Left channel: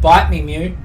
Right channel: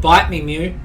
Bite me, Mew.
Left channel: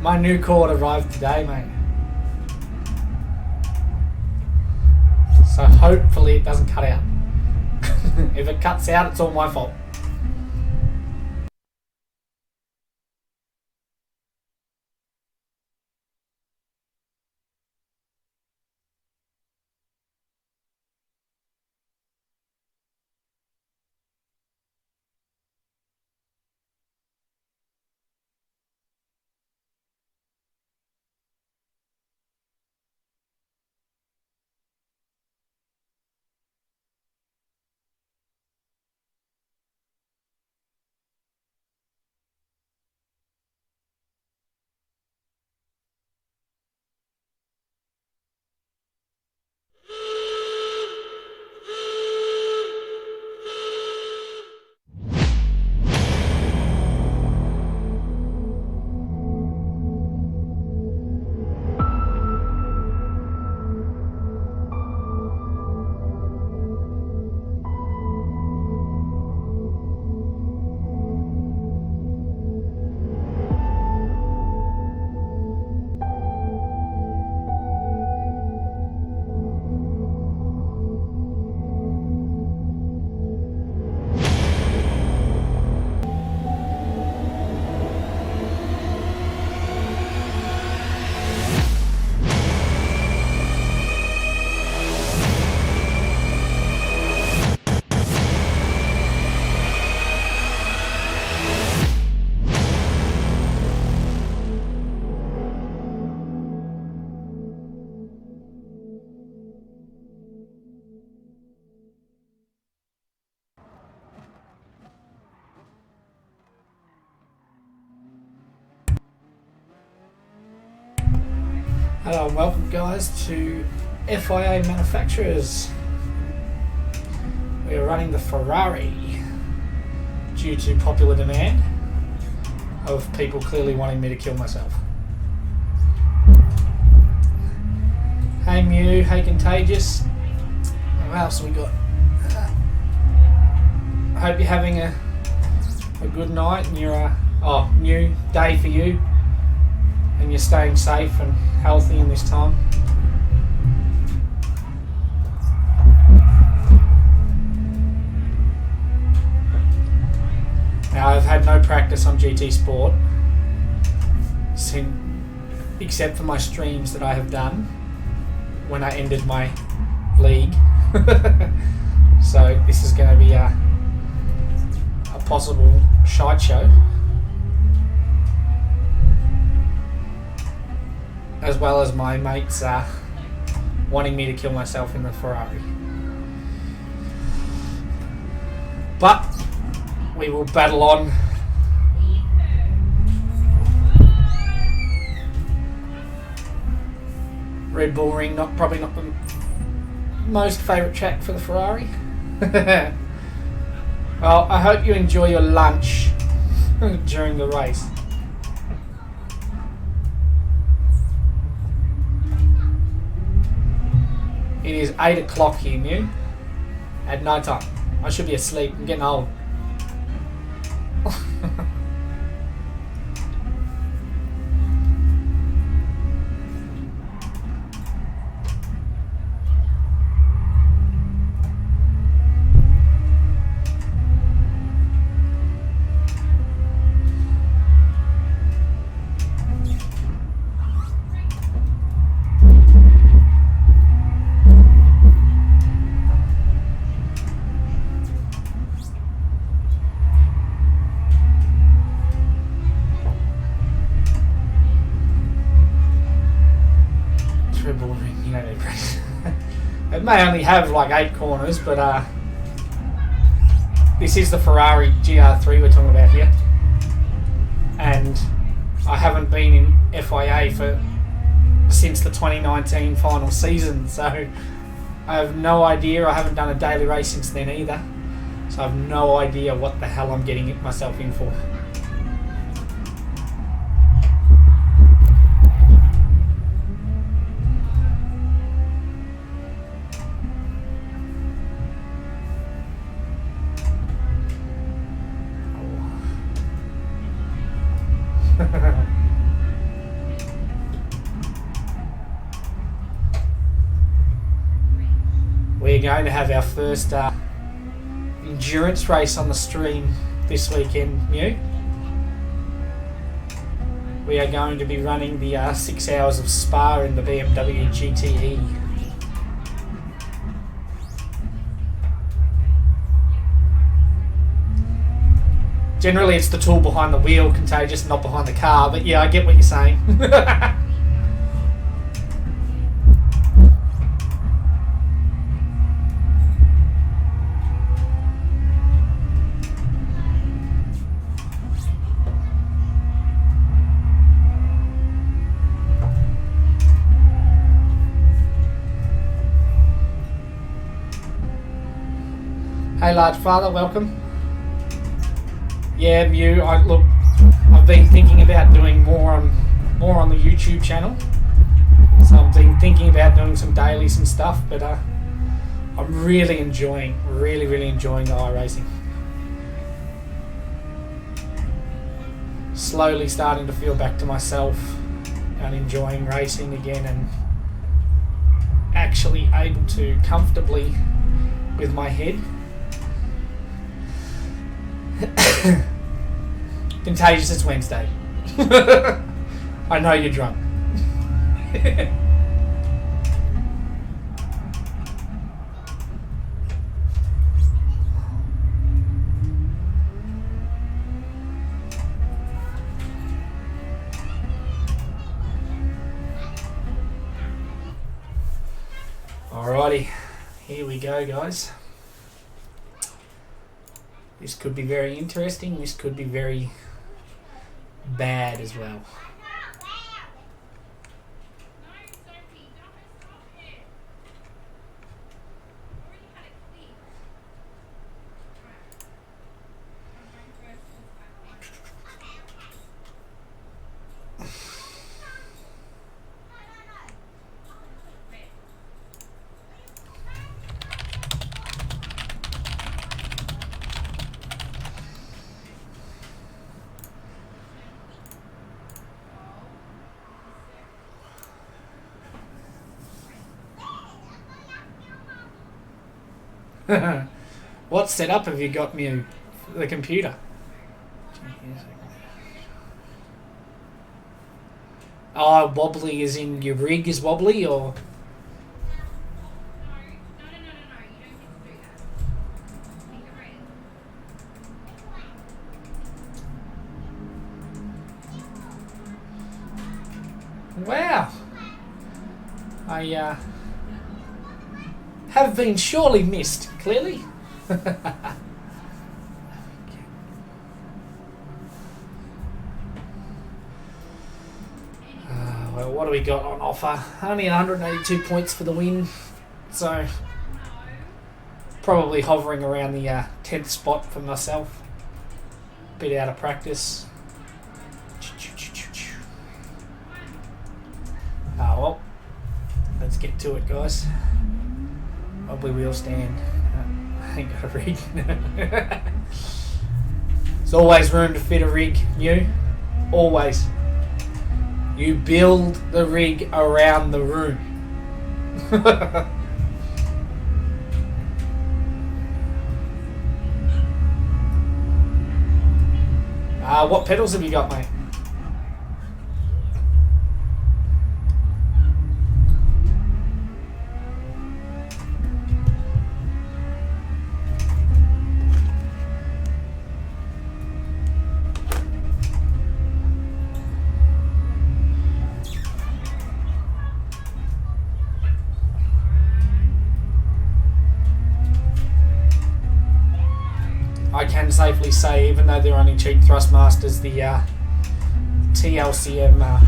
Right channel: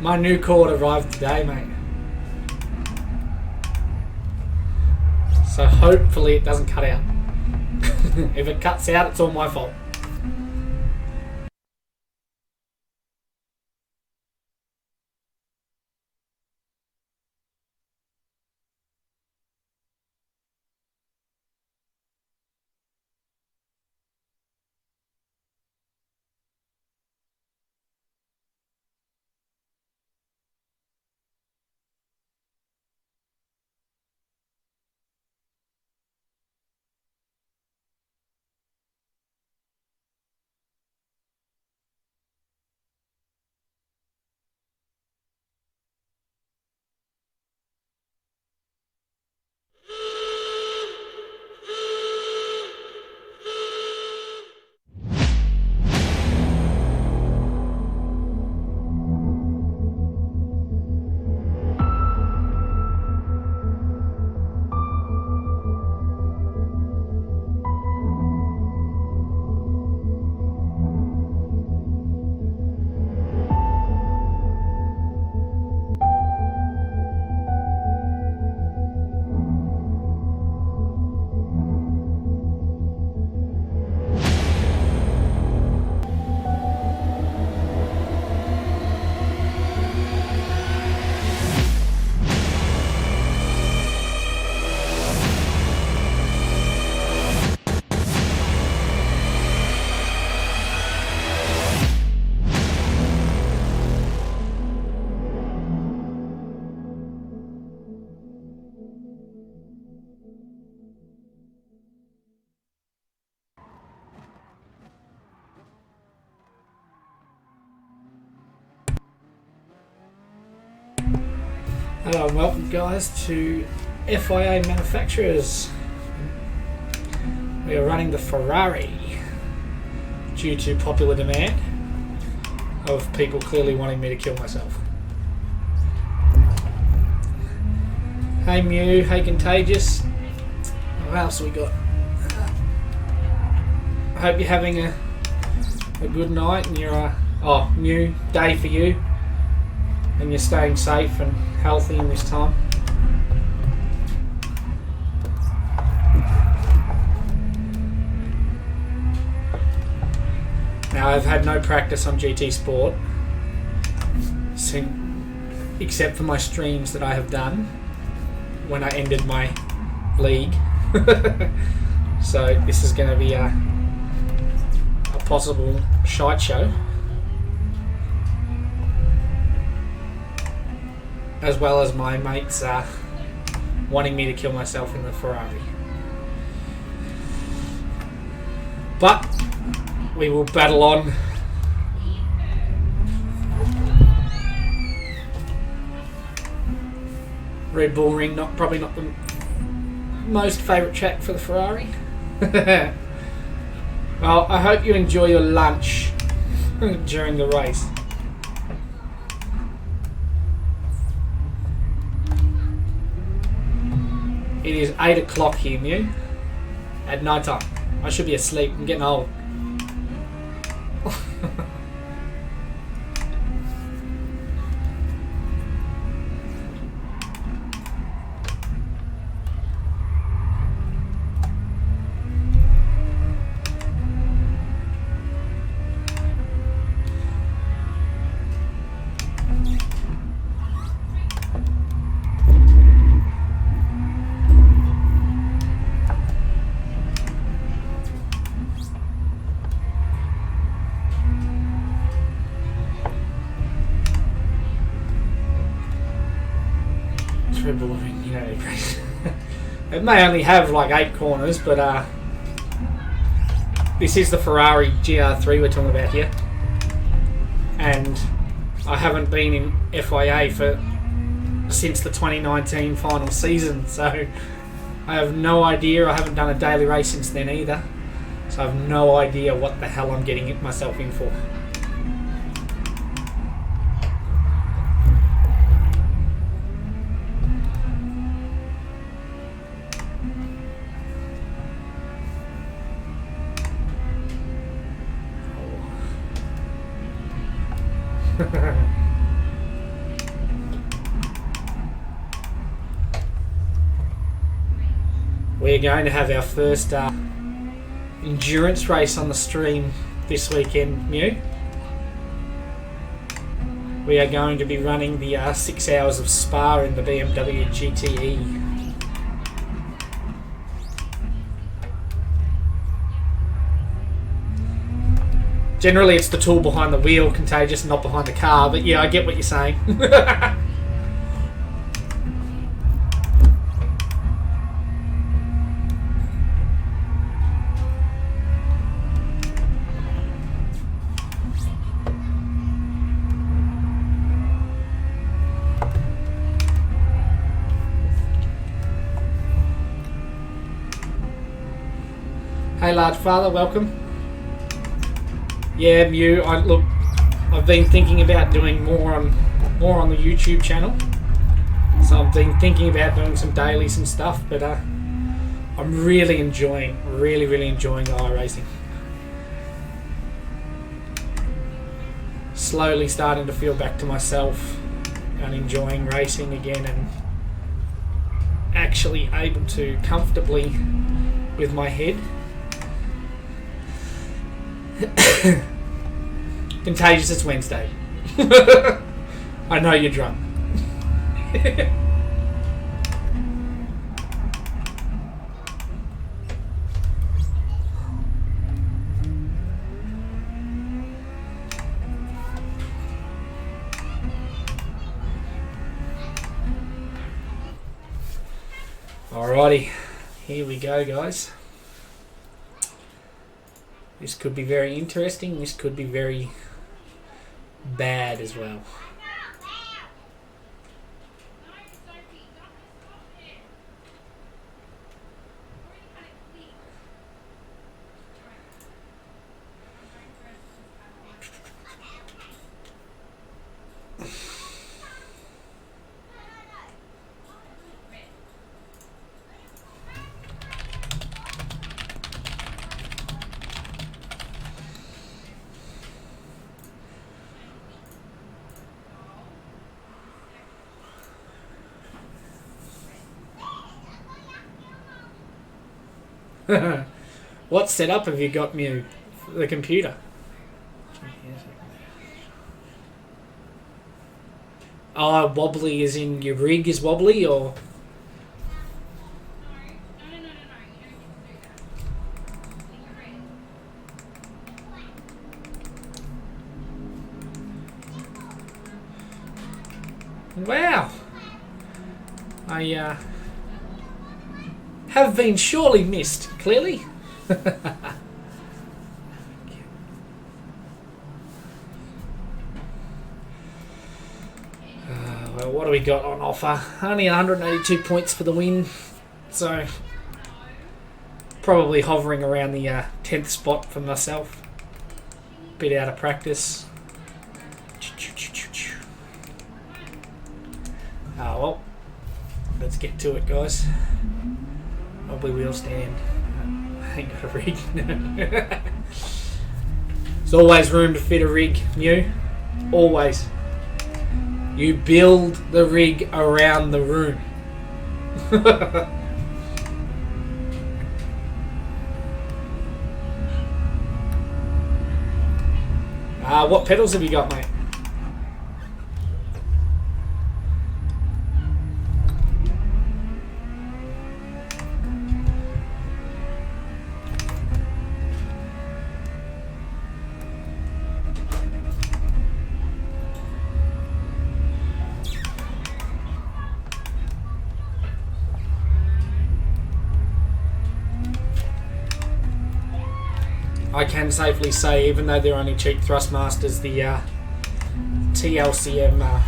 My new cord arrived today, mate. So hopefully it doesn't cut out. If it cuts out, it's all my fault. Hello and welcome guys to FIA Manufacturers. We are running the Ferrari due to popular demand of people clearly wanting me to kill myself. Hey Mew, hey Contagious. What else we got? I hope you're having a good night and you're new day for you and you're staying safe and healthy in this time. Now I've had no practice on GT Sport except for my streams that I have done when I ended my league. So this is going to be a possible shite show, as well as my mates wanting me to kill myself in the Ferrari. But we will battle on. Red Bull Ring, probably not the most favourite track for the Ferrari. Well, I hope you enjoy your lunch during the race. It is 8 o'clock here, Mew. At night time. I should be asleep. I'm getting old. It may only have like 8 corners, but this is the Ferrari GR3 we're talking about here, and I haven't been in FIA since the 2019 final season, so I have no idea. I haven't done a daily race since then either, so I have no idea what the hell I'm getting myself in for. We're going to have our first endurance race on the stream this weekend, Mew. We are going to be running the 6 hours of Spa in the BMW GTE. Generally it's the tool behind the wheel, Contagious, not behind the car, but yeah, I get what you're saying. Hey large father, welcome. Yeah, Mew, I've been thinking about doing more on the YouTube channel. So I've been thinking about doing some dailies and stuff, but I'm really enjoying the iRacing. Slowly starting to feel back to myself and enjoying racing again, and actually able to comfortably with my head. Contagious, it's Wednesday. I know you're drunk. Alrighty, here we go, guys. This could be very interesting. This could be very bad as well. What setup have you got, Mew, for the computer? Oh, wobbly as in your rig is wobbly, or? Wow. I have been surely missed, clearly. Well, what do we got on offer? Only 182 points for the win, so probably hovering around the 10th spot for myself. Bit out of practice. Oh well, let's get to it, guys. Wobbly wheel stand. I ain't got a rig. There's always room to fit a rig new. Always. You build the rig around the room. What pedals have you got, mate? I can safely say, even though they're only cheap Thrustmasters, the TLCM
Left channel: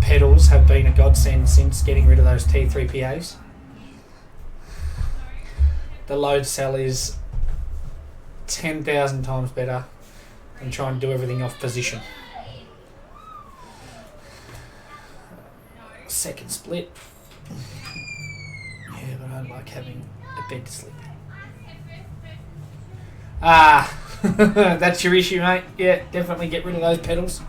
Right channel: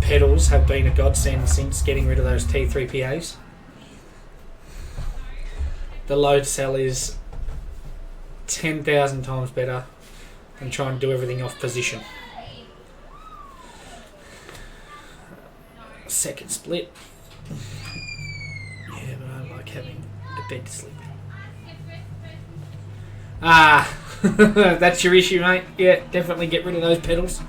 pedals have been a godsend since getting rid of those T3PAs. The load cell is 10,000 times better than trying to do everything off position. Second split. Yeah, but I like having a bed to sleep in. That's your issue, mate. Yeah, definitely get rid of those pedals.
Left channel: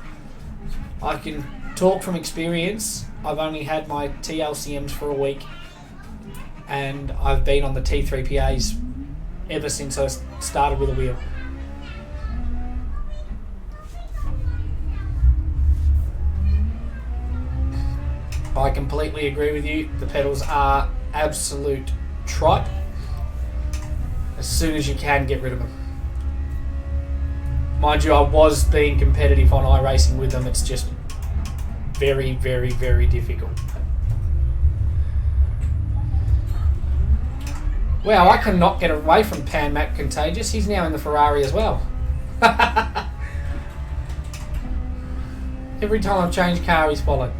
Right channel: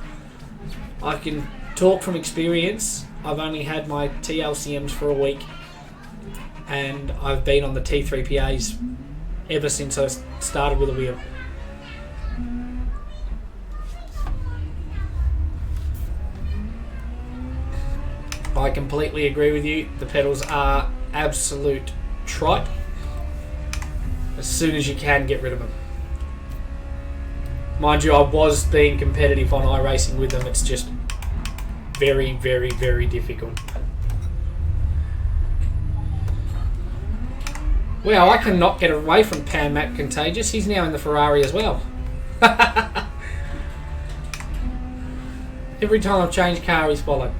I can talk from experience. I've only had my TLCMs for a week, and I've been on the T3PAs ever since I started with a wheel. I completely agree with you. The pedals are absolute tripe. As soon as you can, get rid of them. Mind you, I was being competitive on iRacing with them. It's just very, very, very difficult. Well, I cannot get away from Pan Mac Contagious. He's now in the Ferrari as well. Every time I've changed car, he's followed.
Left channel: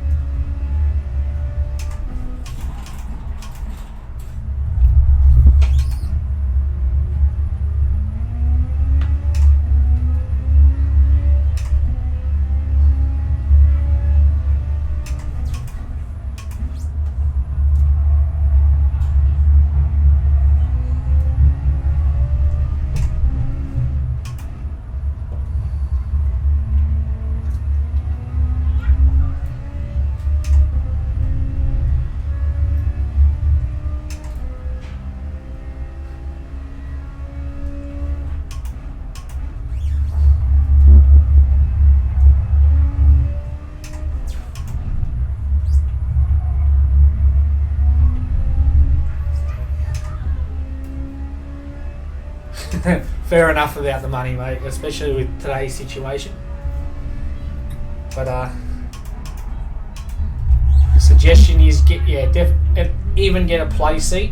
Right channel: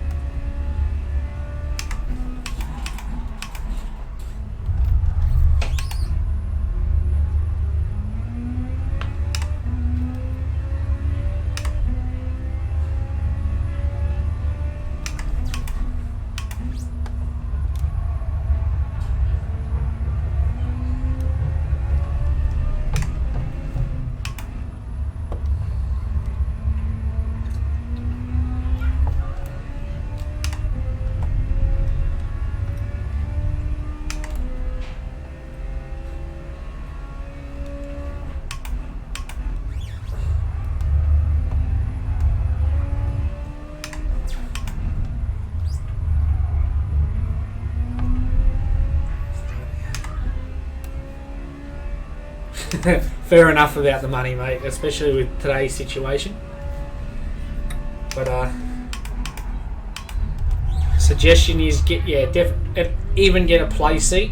Fair enough about the money, mate, especially with today's situation. But suggestion is even get a play seat.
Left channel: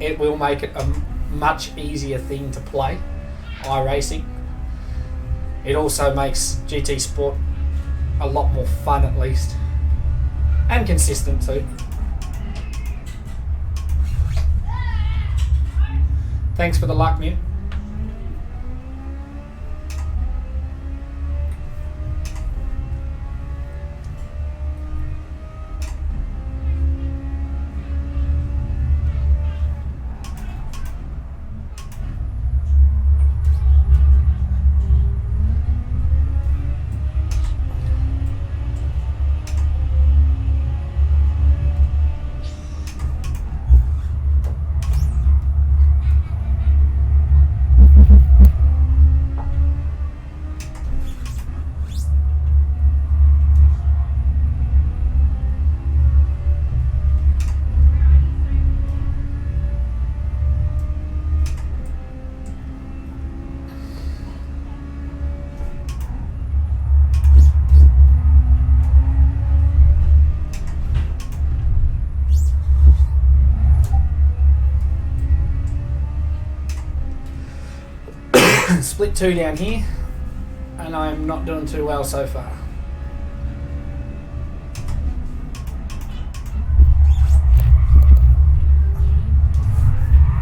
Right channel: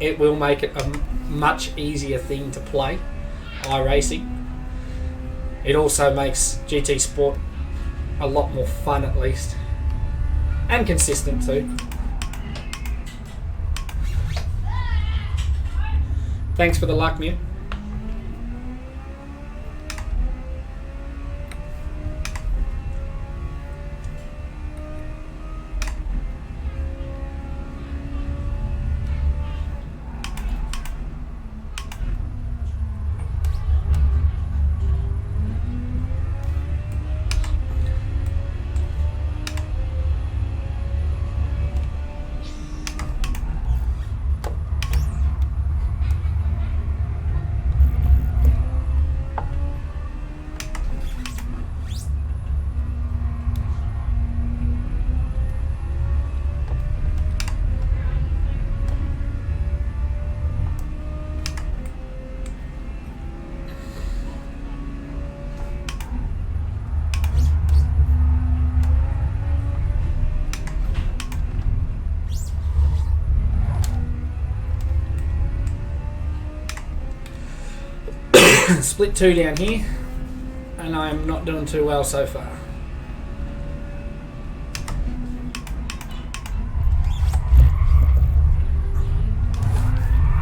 It will make it a much easier thing to play iRacing. It also makes GT Sport a lot more fun, at least, and consistent too. Thanks for the luck, Mew. Split 2 down here, and I'm not doing too well so far.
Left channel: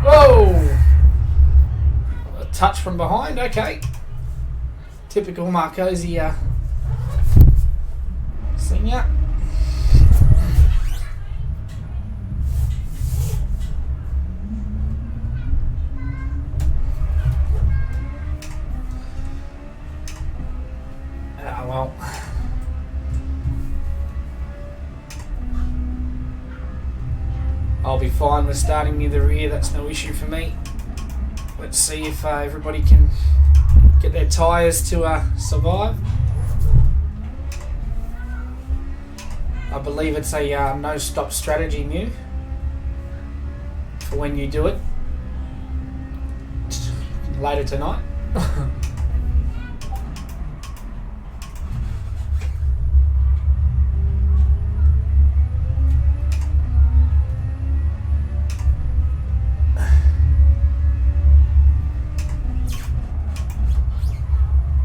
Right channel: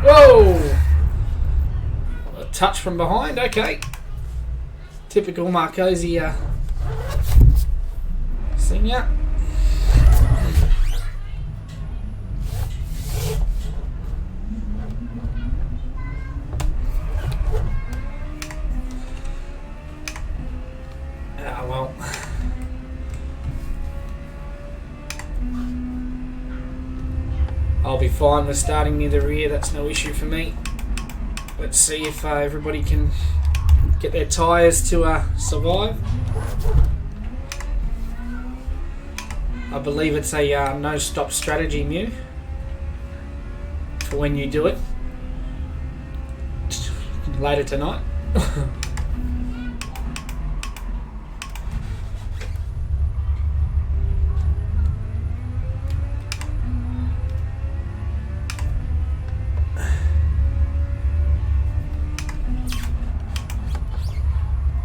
Whoa! A touch from behind, okay. Typical Marcosi senior. I'll be fine with starting near the rear, that's no issue for me. Let's see if everybody can get their tyres to survive. I believe it's a no stop strategy new for when you do it later tonight.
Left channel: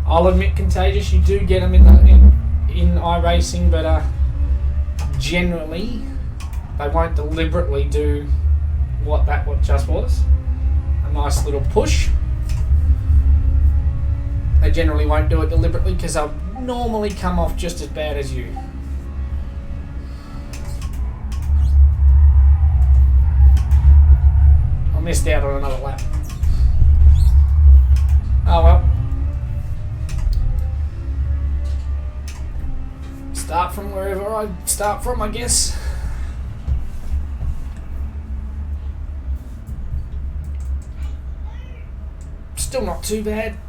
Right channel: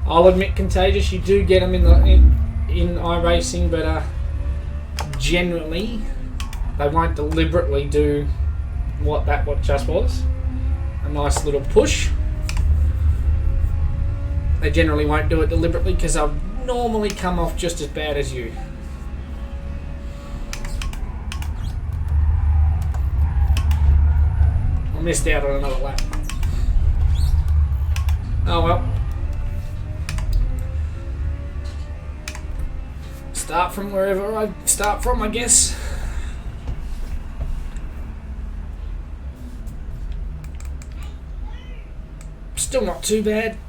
I'll admit, Contagious, you do get them in iRacing, but generally they won't deliberately do what just was. A nice little push. They generally won't do it deliberately because they'll normally come off just as bad as you. I missed out on another lap. Oh well. Start from wherever I start from, I guess. Still not too bad.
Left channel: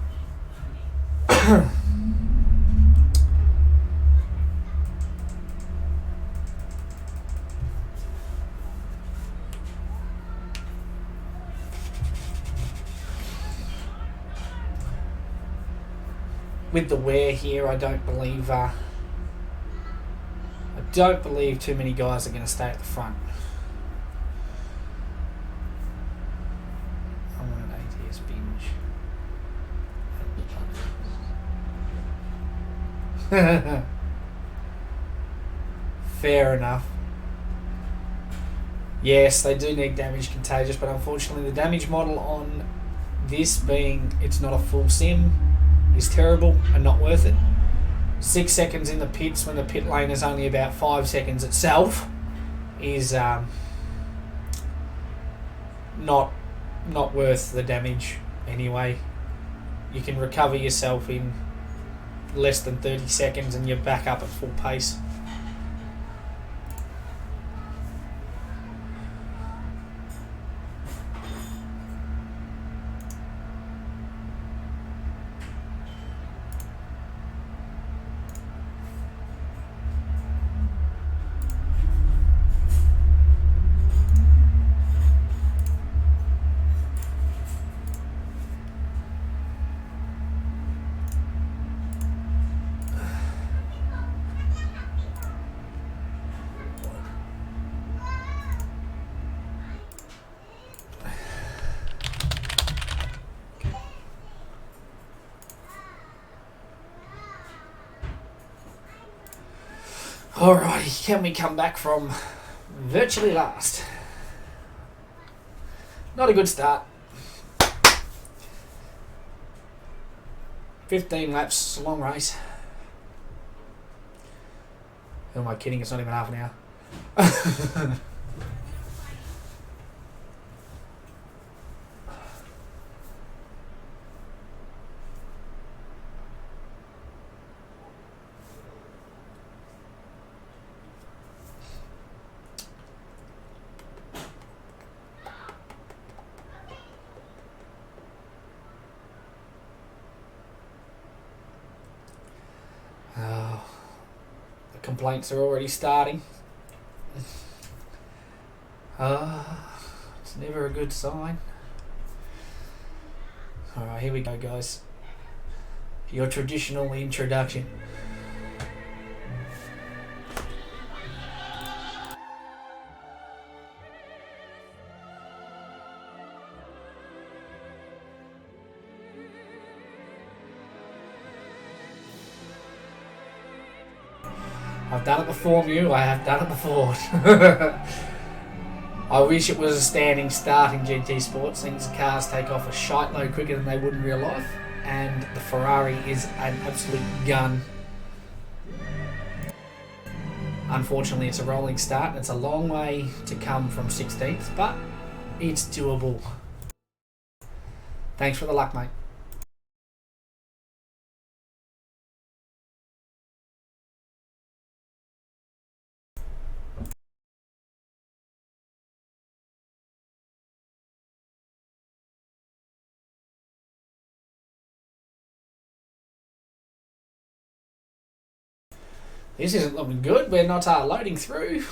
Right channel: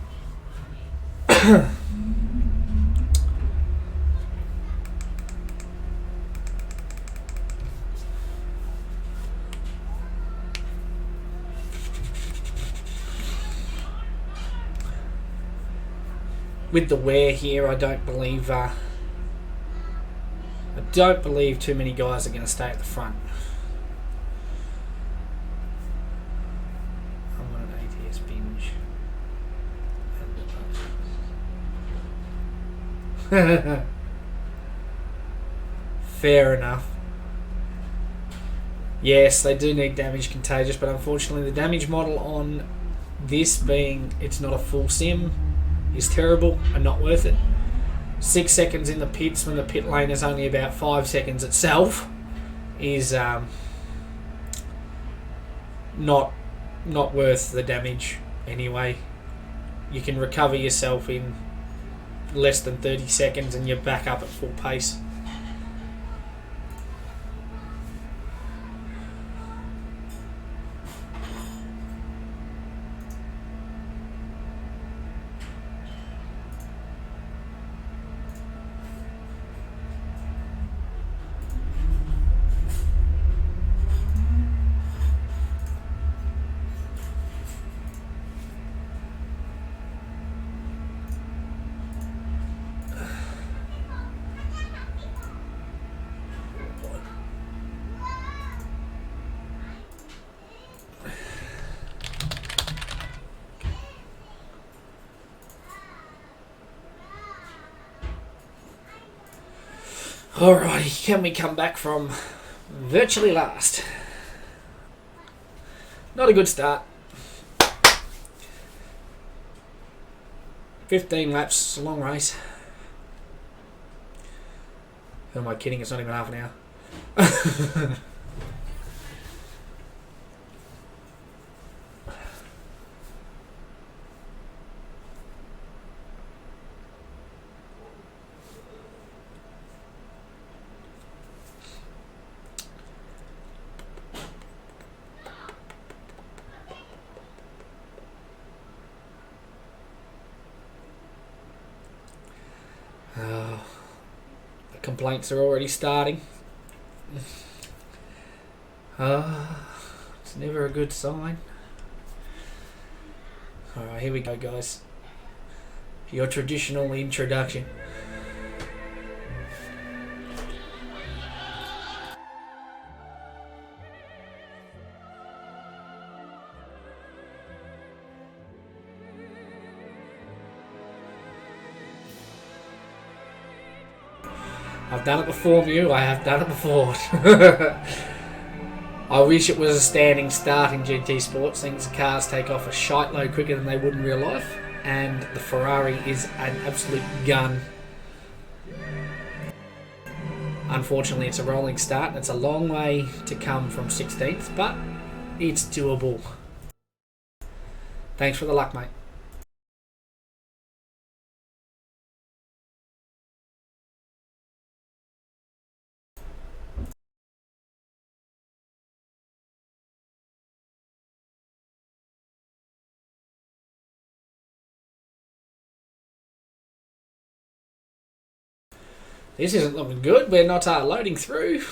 With the wear here, I don't believe too many guys are going to stay at the front. I want an ATS binge. Fair enough. Yes, they do need damage contagious, but unfortunately the damage model on this, being it's not a full sim, is terrible and not worth it. 6 seconds in the pits when the pit lane is only about 5 seconds itself is not worth the damage anyway. You can recover yourself in less than 30 seconds and you're back up at full pace. Alrighty, can we come back from virtually last? Not a good start. 15 laps, it's a long race. Who am I kidding? It's not even half an hour. Complaints are already starting. It's never a good sign. Alright, here we go, guys. Your traditional introduction. I've done it before, Mew. I have done it before. I wish it was a standing start in GT Sports. Things the cars take off a shite load quicker than they would in real life. And the Ferrari is an absolute gun. Unfortunately, it's a rolling start and it's a long way to come from 16th, but it's doable. Thanks for the luck, mate. This isn't looking good. We're not loading through.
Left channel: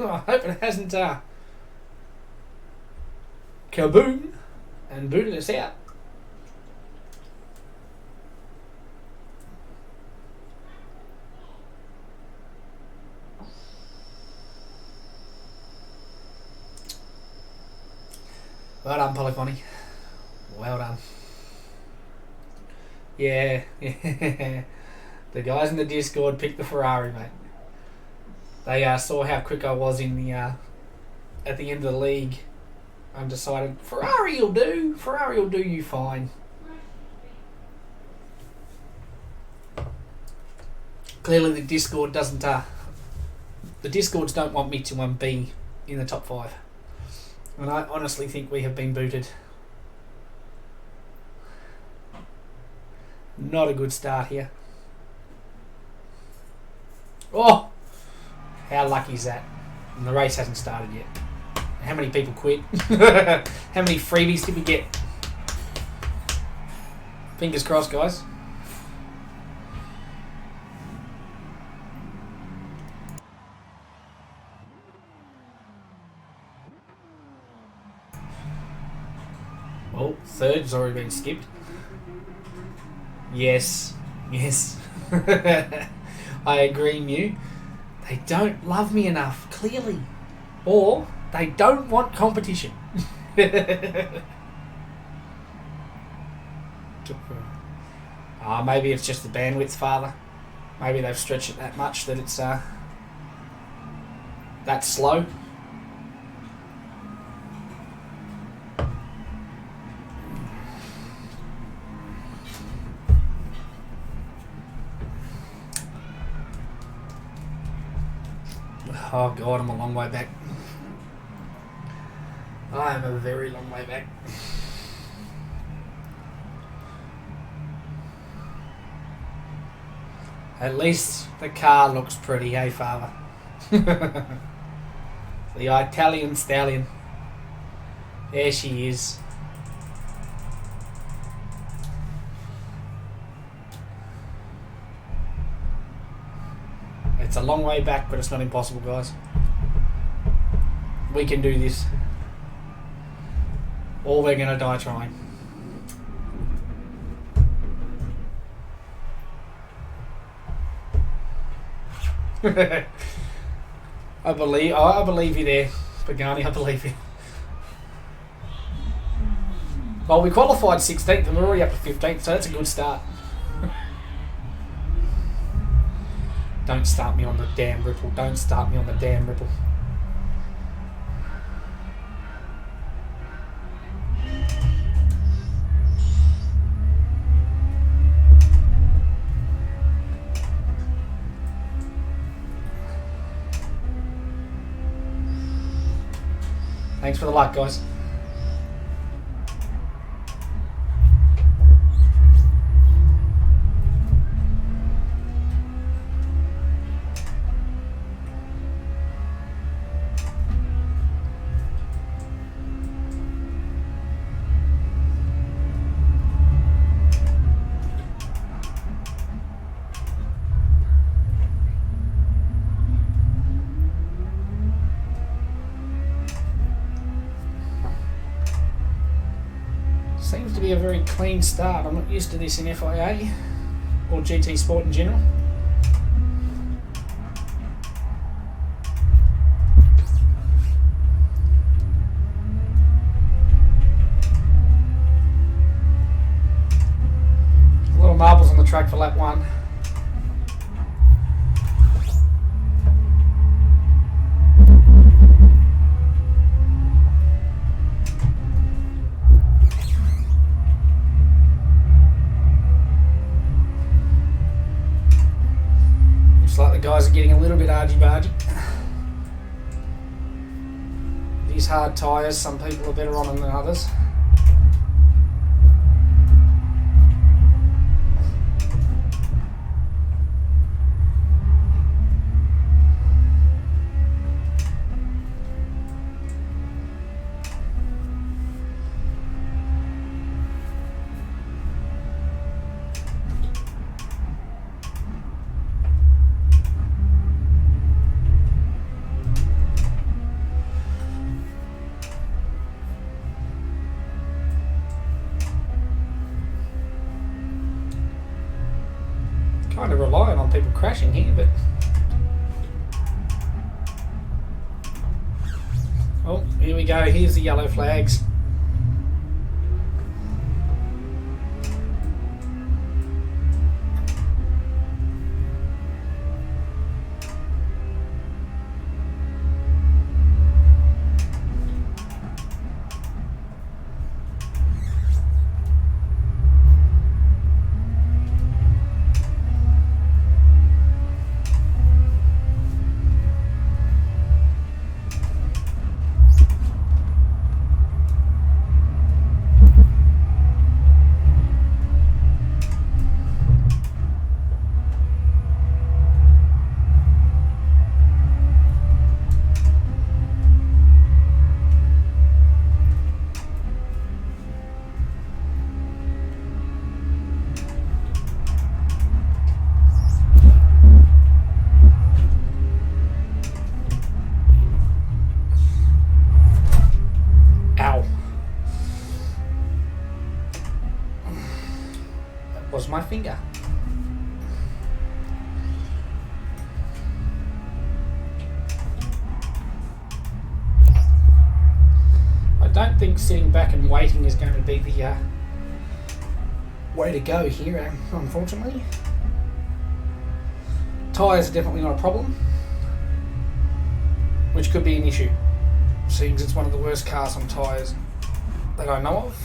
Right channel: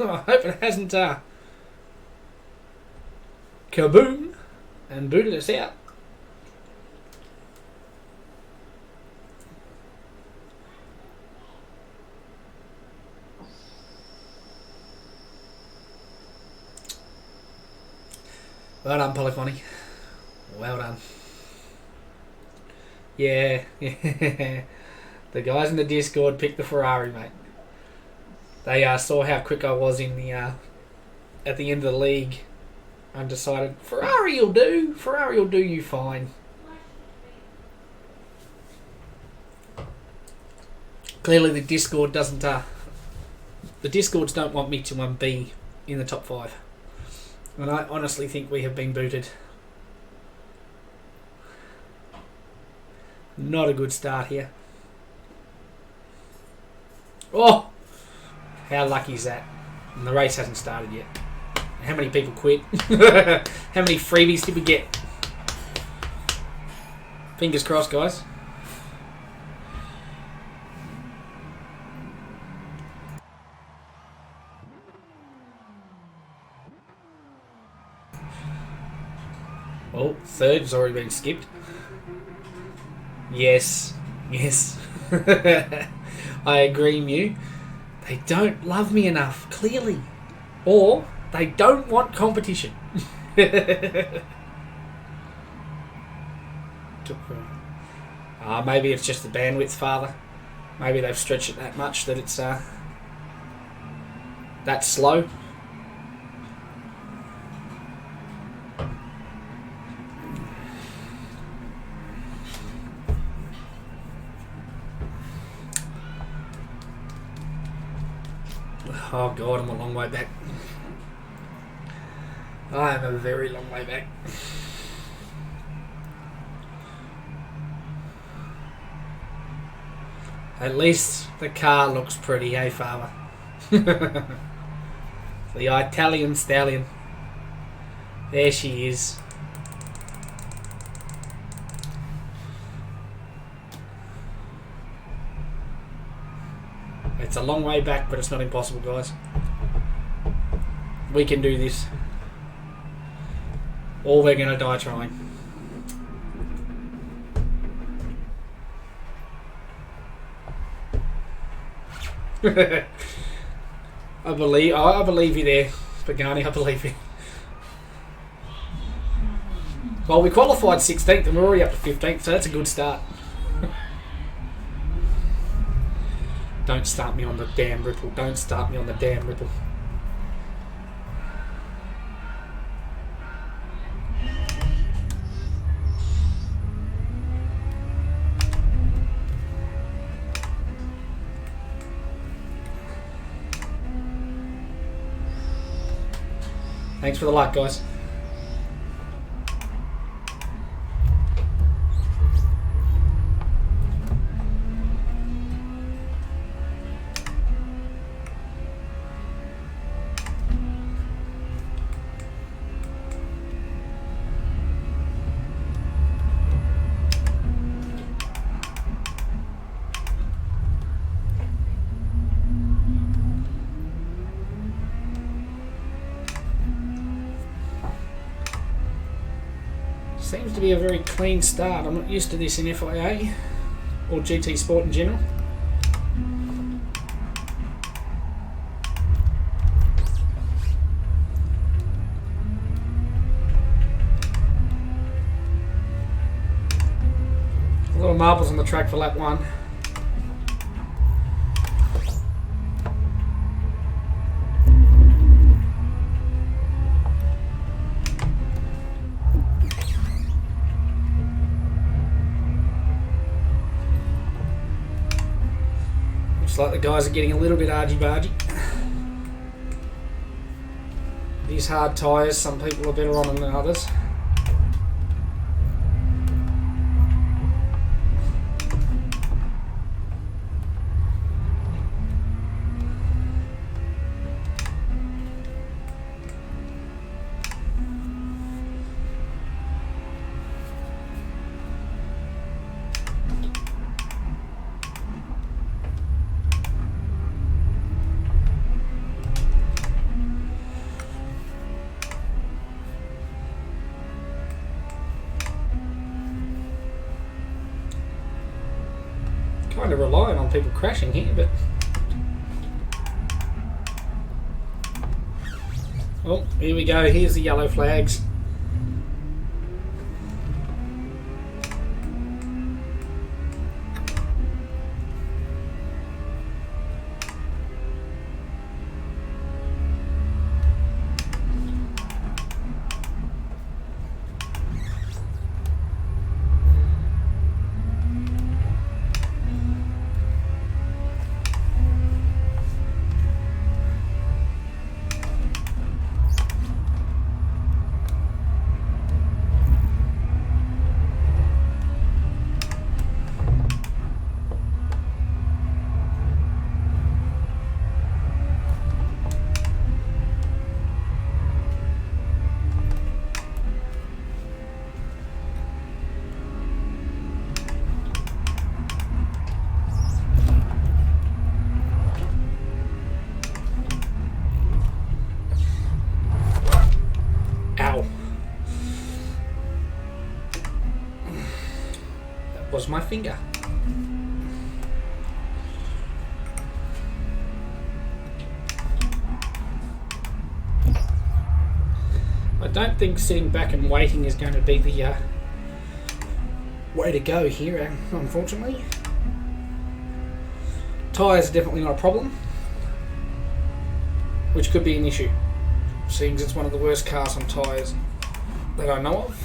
I hope it hasn't kaboom and booted us out. Well done, Polyphony. Well done. Yeah, yeah. The guys in the Discord picked the Ferrari, mate. They saw how quick I was in the at the end of the league and decided Ferrari will do. Ferrari will do you fine. Clearly, the Discord doesn't. The Discords don't want me to be in the top 5, and I honestly think we have been booted. Not a good start here. Oh! How lucky is that? And the race hasn't started yet. How many people quit? How many freebies did we get? Fingers crossed, guys. Well, third's already been skipped. Yes. Yes. I agree, Mew. They don't love me enough, clearly. Or they don't want competition. Maybe it's just the bandwidth, Father. Maybe they've stretched it that much that it's that slow. Oh God, I'm a long way back. I am a very long way back. At least the car looks pretty, hey Father? The Italian stallion. There she is. It's a long way back, but it's not impossible, guys. We can do this. Or we're going to die trying. I believe you there, Pagani. I believe you. Well, we qualified 16th and we're already up to 15th, so that's a good start. Don't start me on the damn ripple. Don't start me on the damn ripple. Thanks for the like, guys. Seems to be a very clean start. I'm not used to this in FIA or GT Sport in general. A lot of marbles on the track for lap 1. Like the guys are getting a little bit argy-bargy. These hard tyres, some people are better on them than others. want people crashing here, but... Oh, here we go. Here's the yellow flags. Was my finger. I don't think sitting back and waiting is going to be the way to go here, unfortunately. Tyres are definitely not a problem, which could be an issue, seeing as it's one of the worst cars on tyres that I know of.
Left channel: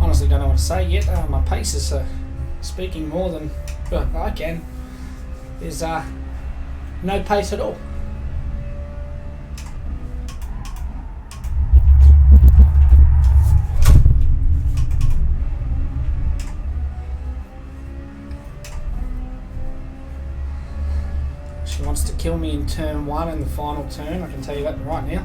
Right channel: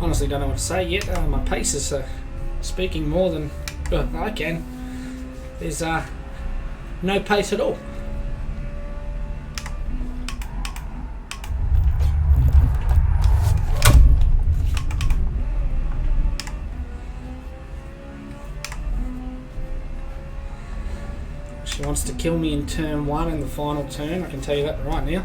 Honestly don't know what to say yet. My pace is speaking more than I can. There's no pace at all. She wants to kill me in turn 1 in the final turn, I can tell you that right now.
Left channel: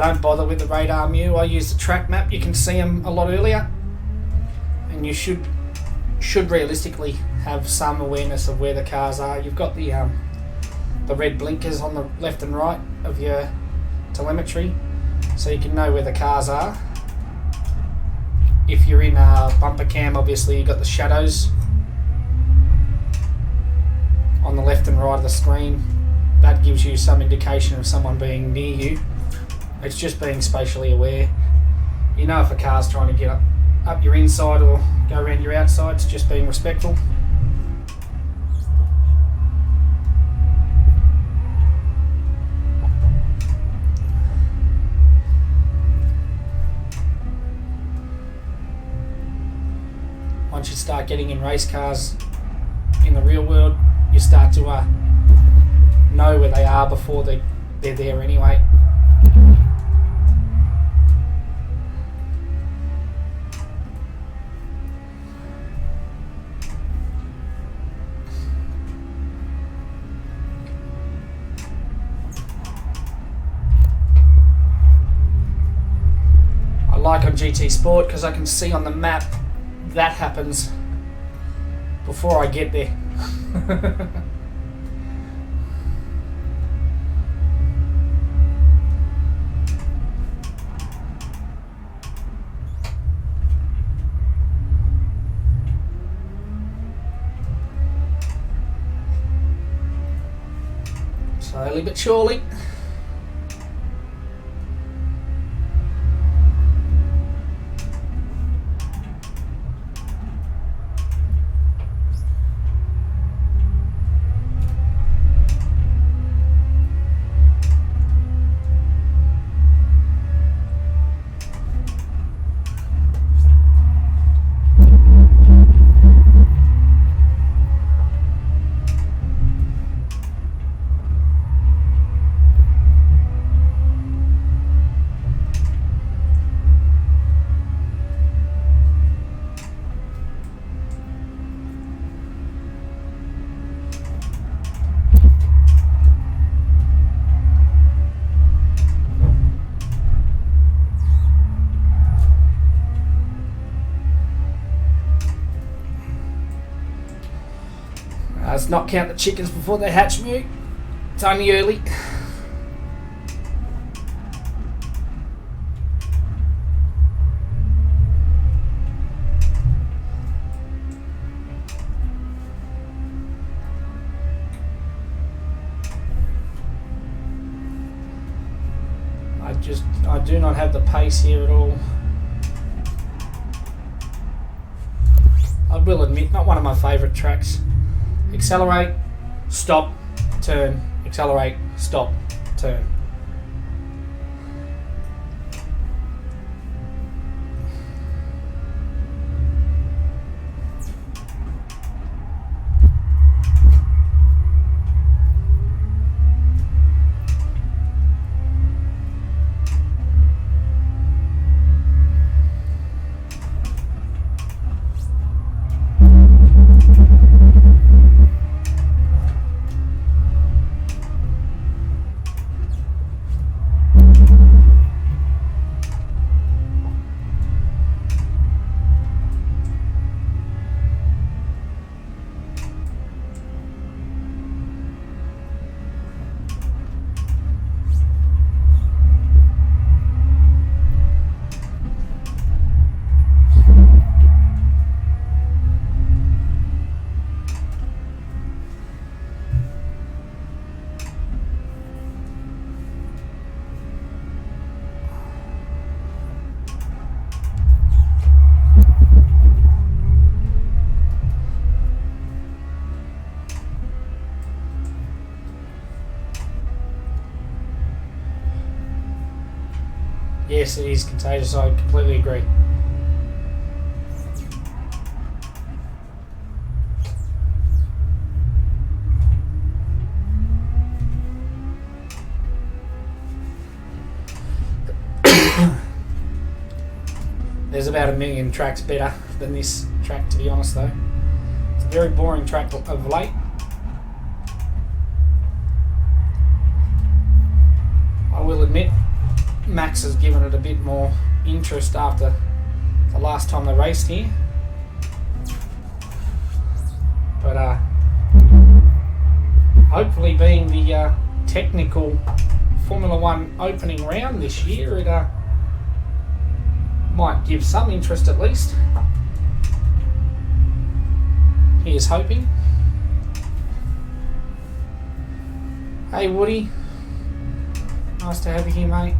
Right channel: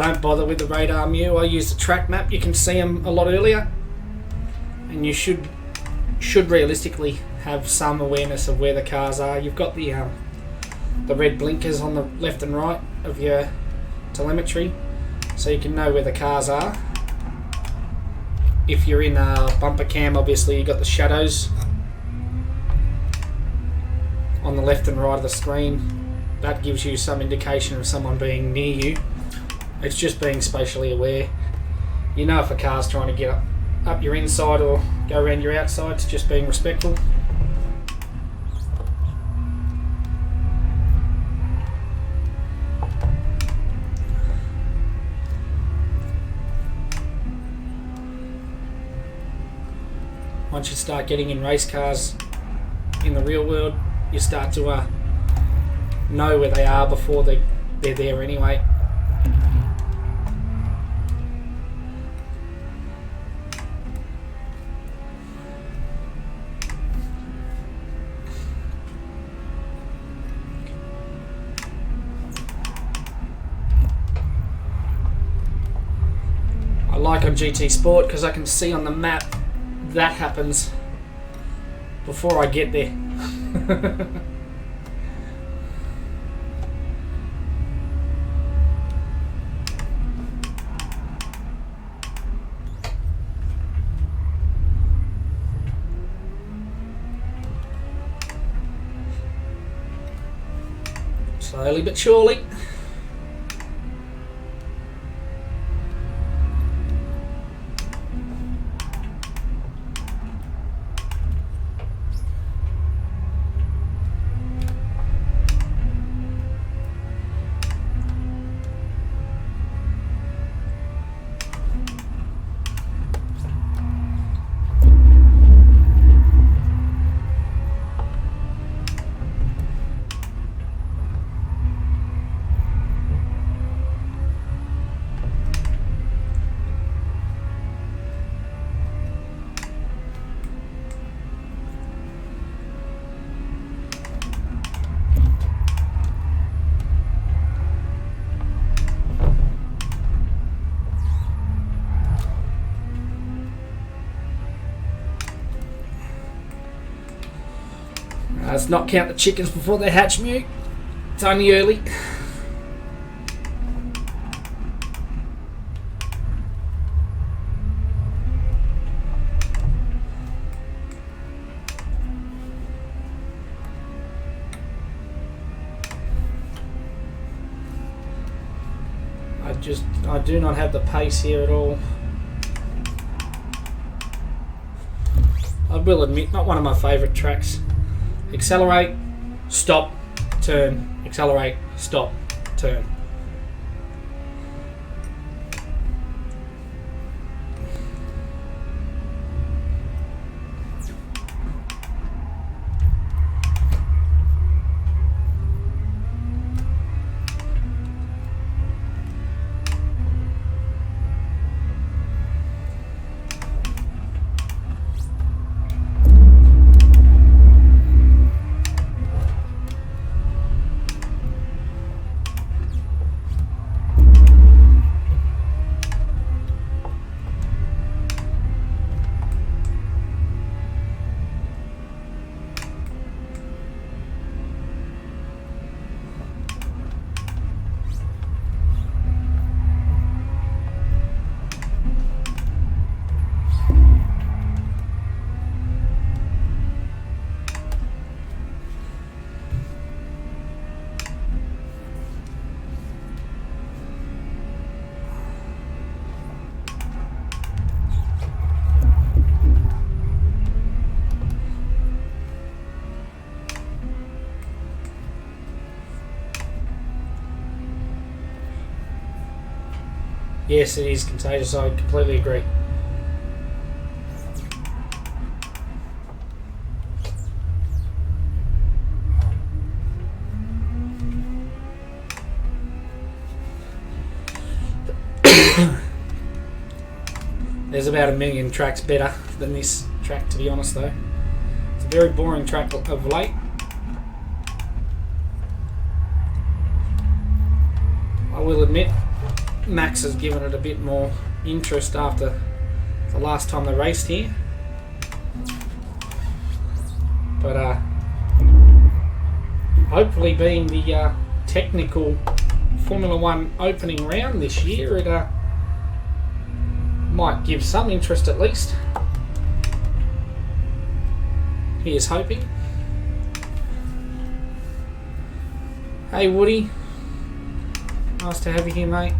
Don't bother with the radar Mew. I use the track map. You can see them a lot earlier, and you should realistically have some awareness of where the cars are. You've got the red blinkers on the left and right of your telemetry, so you can know where the cars are. If you're in bumper cam, obviously you've got the shadows on the left and right of the screen. That gives you some indication of someone being near you. It's just being spatially aware. You know if a car's trying to get up your inside or go around your outside. It's just being respectful. Once you start getting in race cars in the real world, you start to know where they are before they're there anyway. I like on GT Sport because I can see on the map that happens before I get there. Slowly but surely. Let's not count the chickens before they hatch, Mew. It's only early. I do not have the pace here at all. I will admit, not one of my favourite tracks. Accelerate, stop, turn, accelerate, stop, turn. Yes, it is contagious. I completely agree. There's about 1 million tracks better than this track, to be honest, though. It's a very boring track of late. I will admit, Max has given it a bit more interest after the last time they raced here. But hopefully, being the technical Formula 1 opening round this year, it might give some interest at least. Here's hoping. Hey Woody, nice to have you here, mate.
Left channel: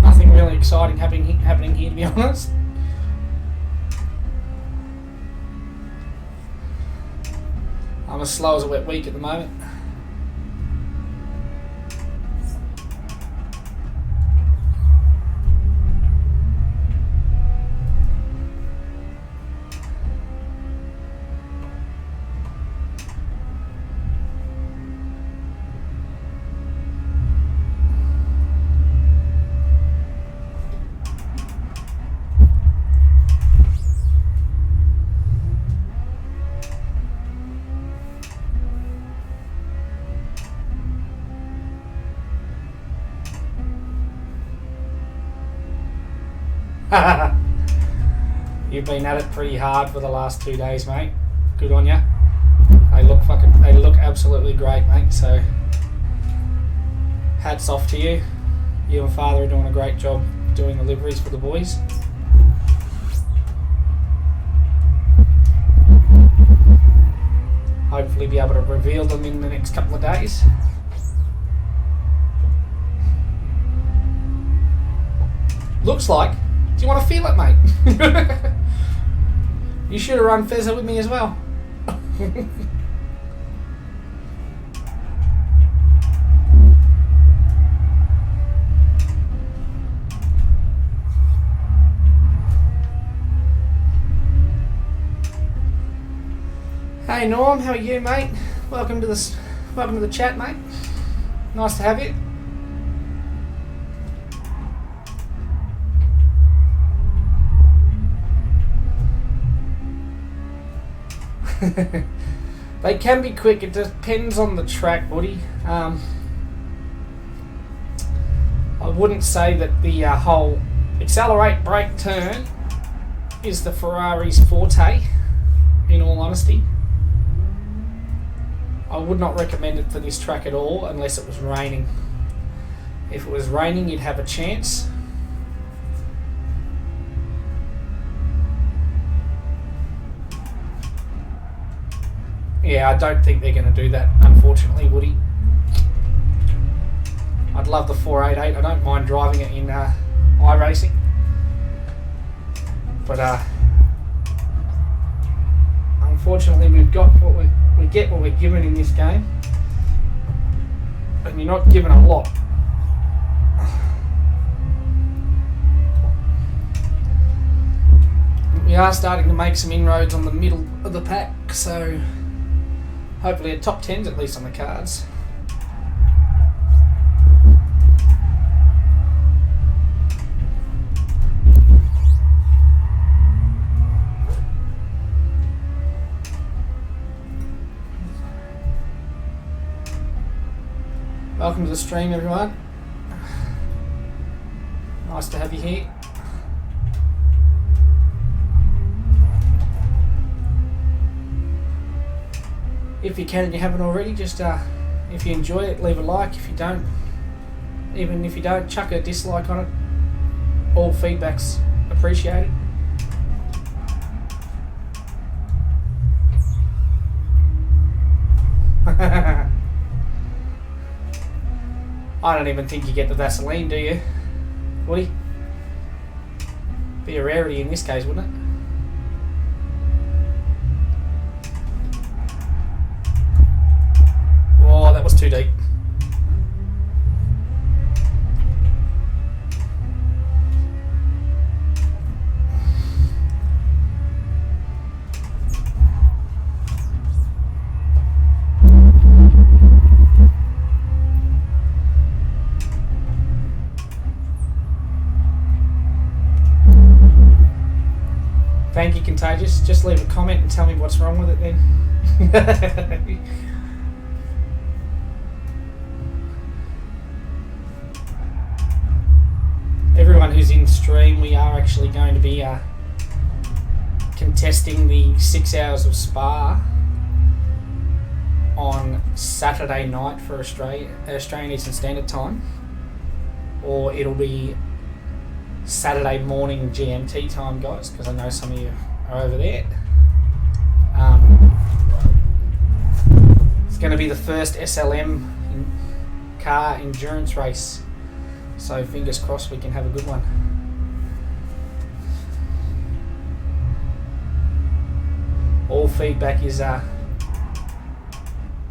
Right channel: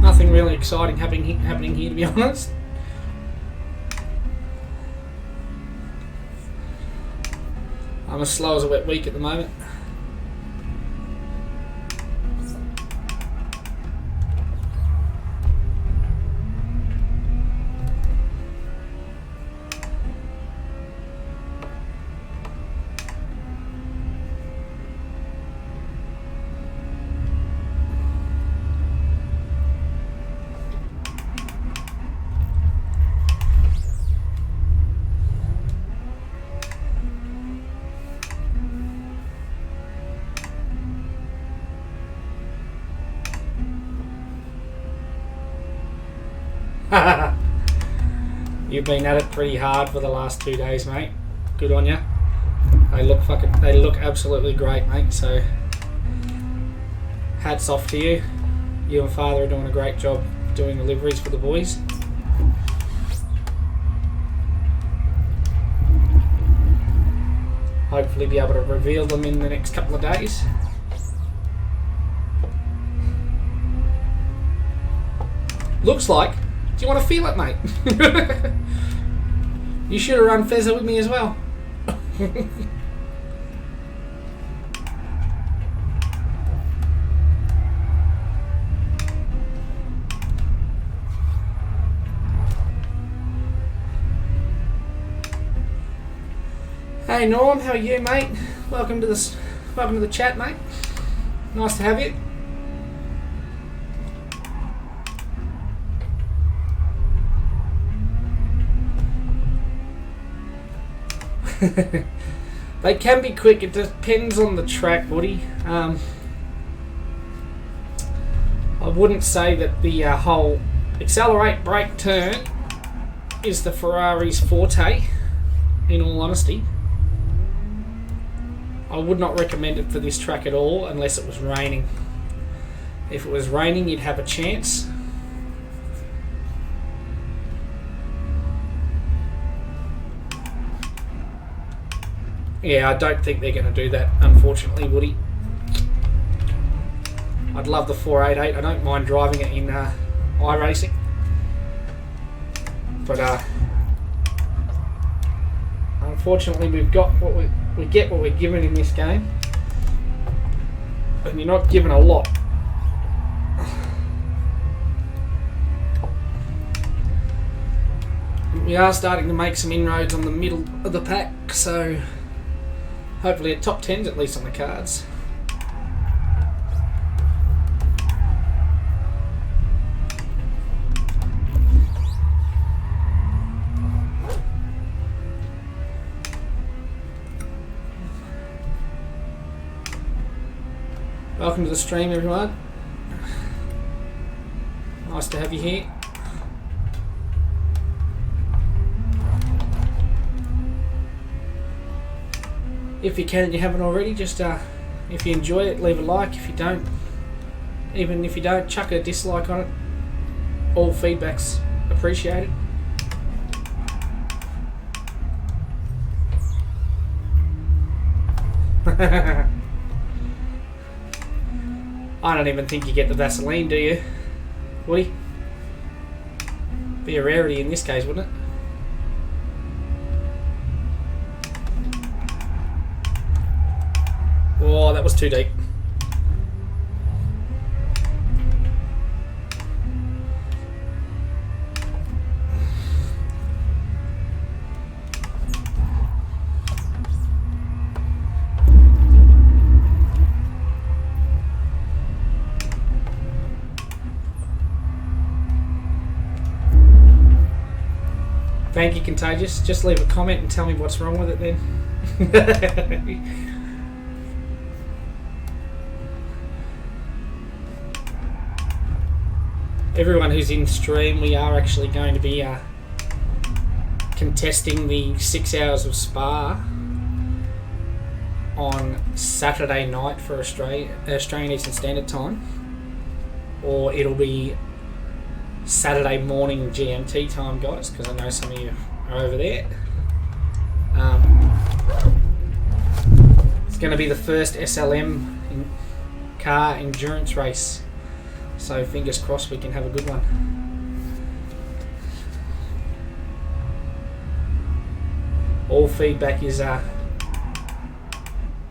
Nothing really exciting happening here, to be honest. I'm as slow as a wet week at the moment. You've been at it pretty hard for the last 2 days, mate. Good on you. They look absolutely great, mate. So hats off to you. You and Father are doing a great job doing the liveries for the boys. Hopefully be able to reveal them in the next couple of days. Looks like. Do you want to feel it, mate? You should have run VESA with me as well. Hey Norm, how are you, mate? Welcome to the chat, mate. Nice to have you. They can be quick. It depends on the track, Woody. I wouldn't say that the whole accelerate, brake, turn is the Ferrari's forte, in all honesty. I would not recommend it for this track at all unless it was raining. If it was raining, you'd have a chance. Yeah, I don't think they're going to do that, unfortunately, Woody. I'd love the 488. I don't mind driving it in iRacing. But unfortunately, we've got what we get what we're given in this game. And you're not given a lot. We are starting to make some inroads on the middle of the pack, so hopefully a top 10's at least on the cards. Welcome to the stream, everyone. Nice to have you here. If you can and you haven't already, just if you enjoy it, leave a like. If you don't, even if you don't, chuck a dislike on it. All feedback's appreciated. I don't even think you get the Vaseline, do you, Woody? Be a rarity in this case, wouldn't it? Oh, that was too deep. Thank you, Contagious. Just leave a comment and tell me what's wrong with it then. Everyone who's in stream, we are actually going to be contesting the 6 hours of Spa on Saturday night for Australian Eastern Standard Time, or it'll be Saturday morning GMT time, guys, because I know some of you are over there. It's going to be the first SLM car endurance race, so fingers crossed we can have a good one. All feedback is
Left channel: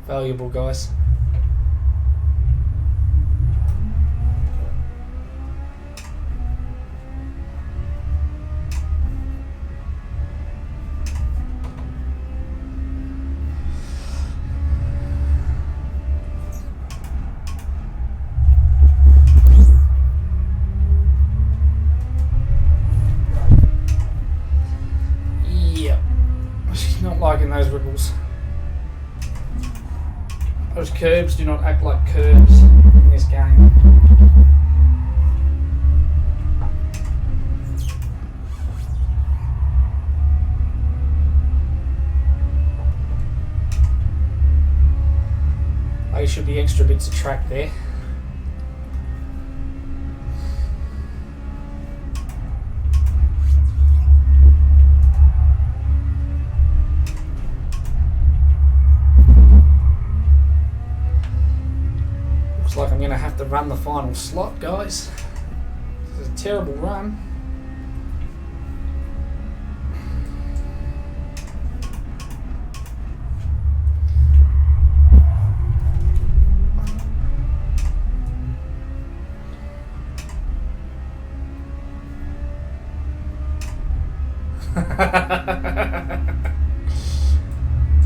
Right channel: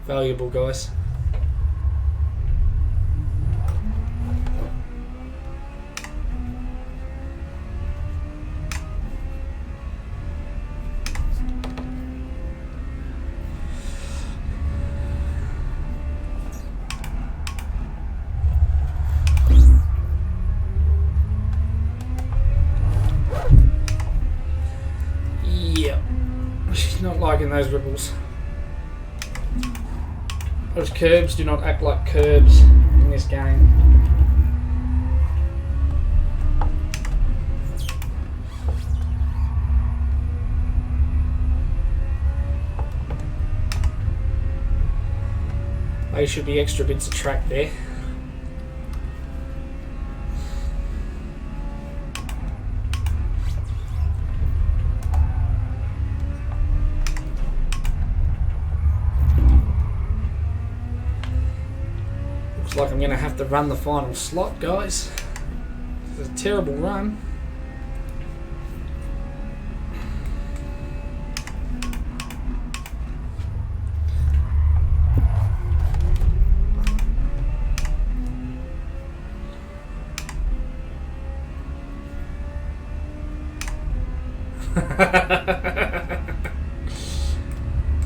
valuable, guys. Liking those ripples. Those curbs do not act like curbs in this game. They should be extra bits of track there. Like I'm going to have to run the final slot, guys. This is a terrible run.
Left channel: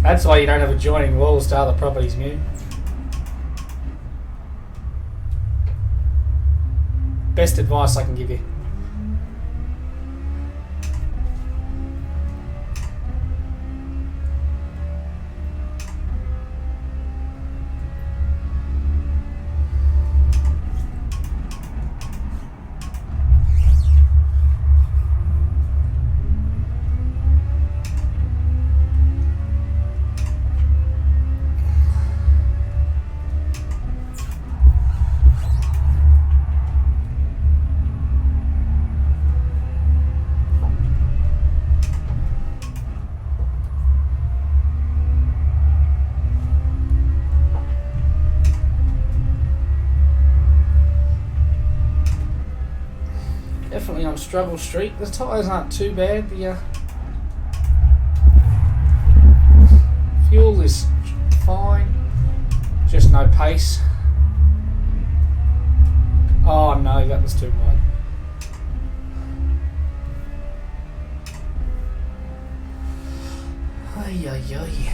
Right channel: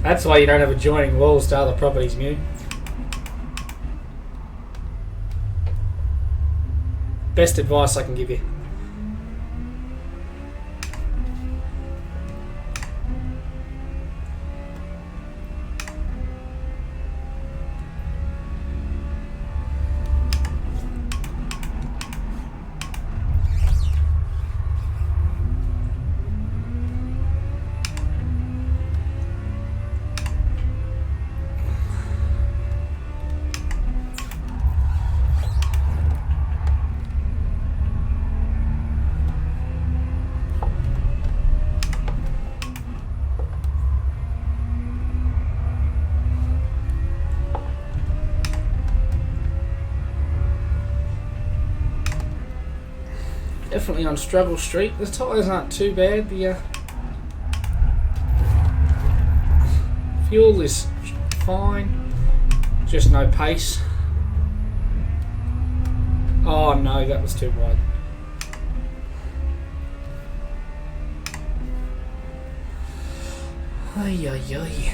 That's why you don't have adjoining walls to other properties, Mew. Best advice I can give you. definitely on struggle street. The tyres aren't too bad. The fuel is fine, just no pace. Oh no, that was too wide. Ay, ay, ay.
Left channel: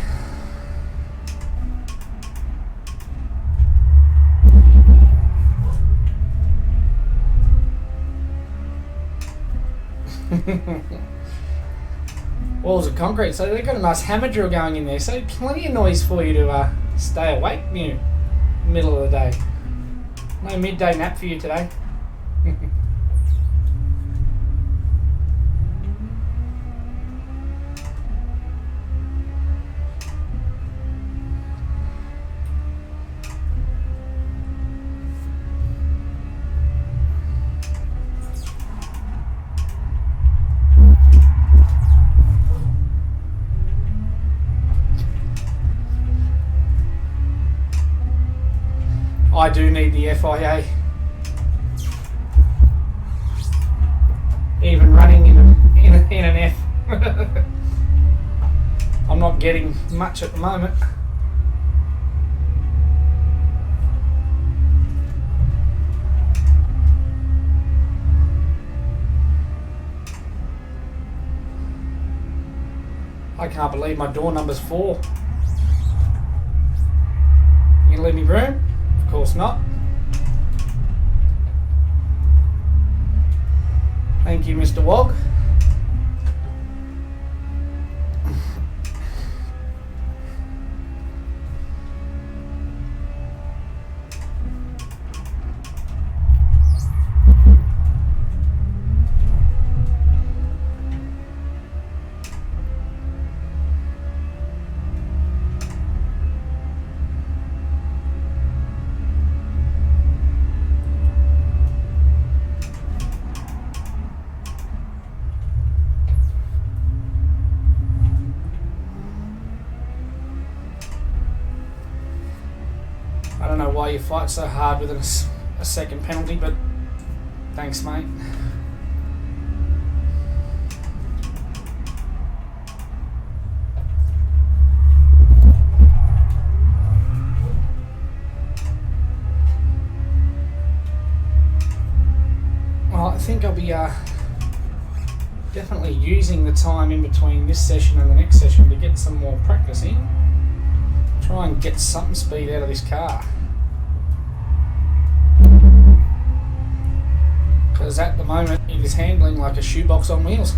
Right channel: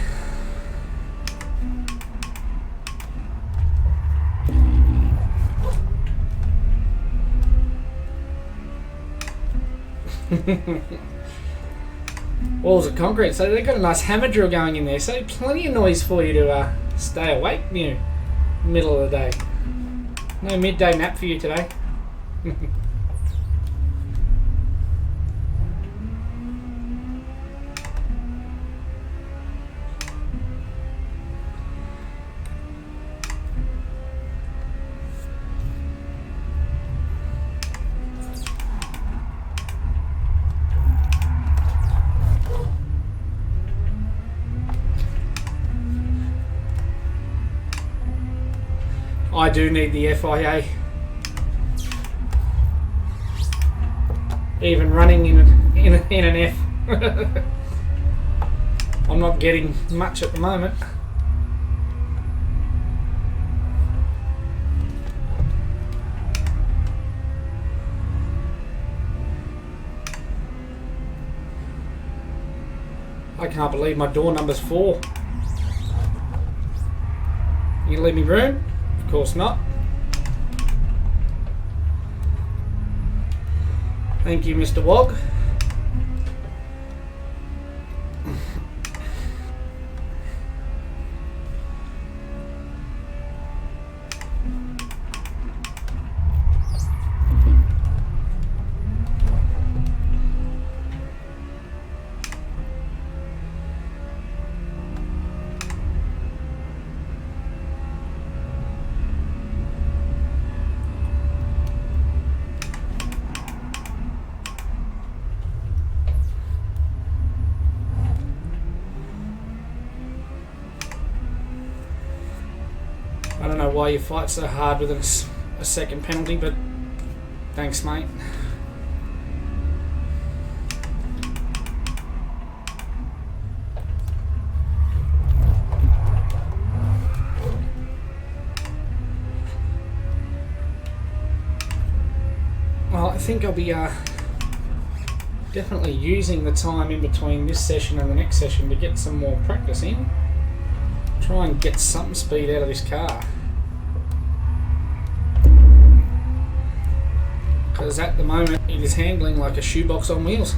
Walls of concrete, so they've got a nice hammer drill going in there, so plenty of noise for you to stay awake near middle of the day. No midday nap for you today. I do need the FIA. Even running in an F. I'm not getting much at the moment. I can't believe my door number's 4. You gonna leave me room? Of course not. Thank you, Mr. Wog. I don't know why you fight so hard with a second penalty, but thanks, mate. Well, I think I'll be definitely using the time in between this session and the next session to get some more practice in. Try and get some speed out of this car. Because at the moment it is handling like a shoebox on wheels.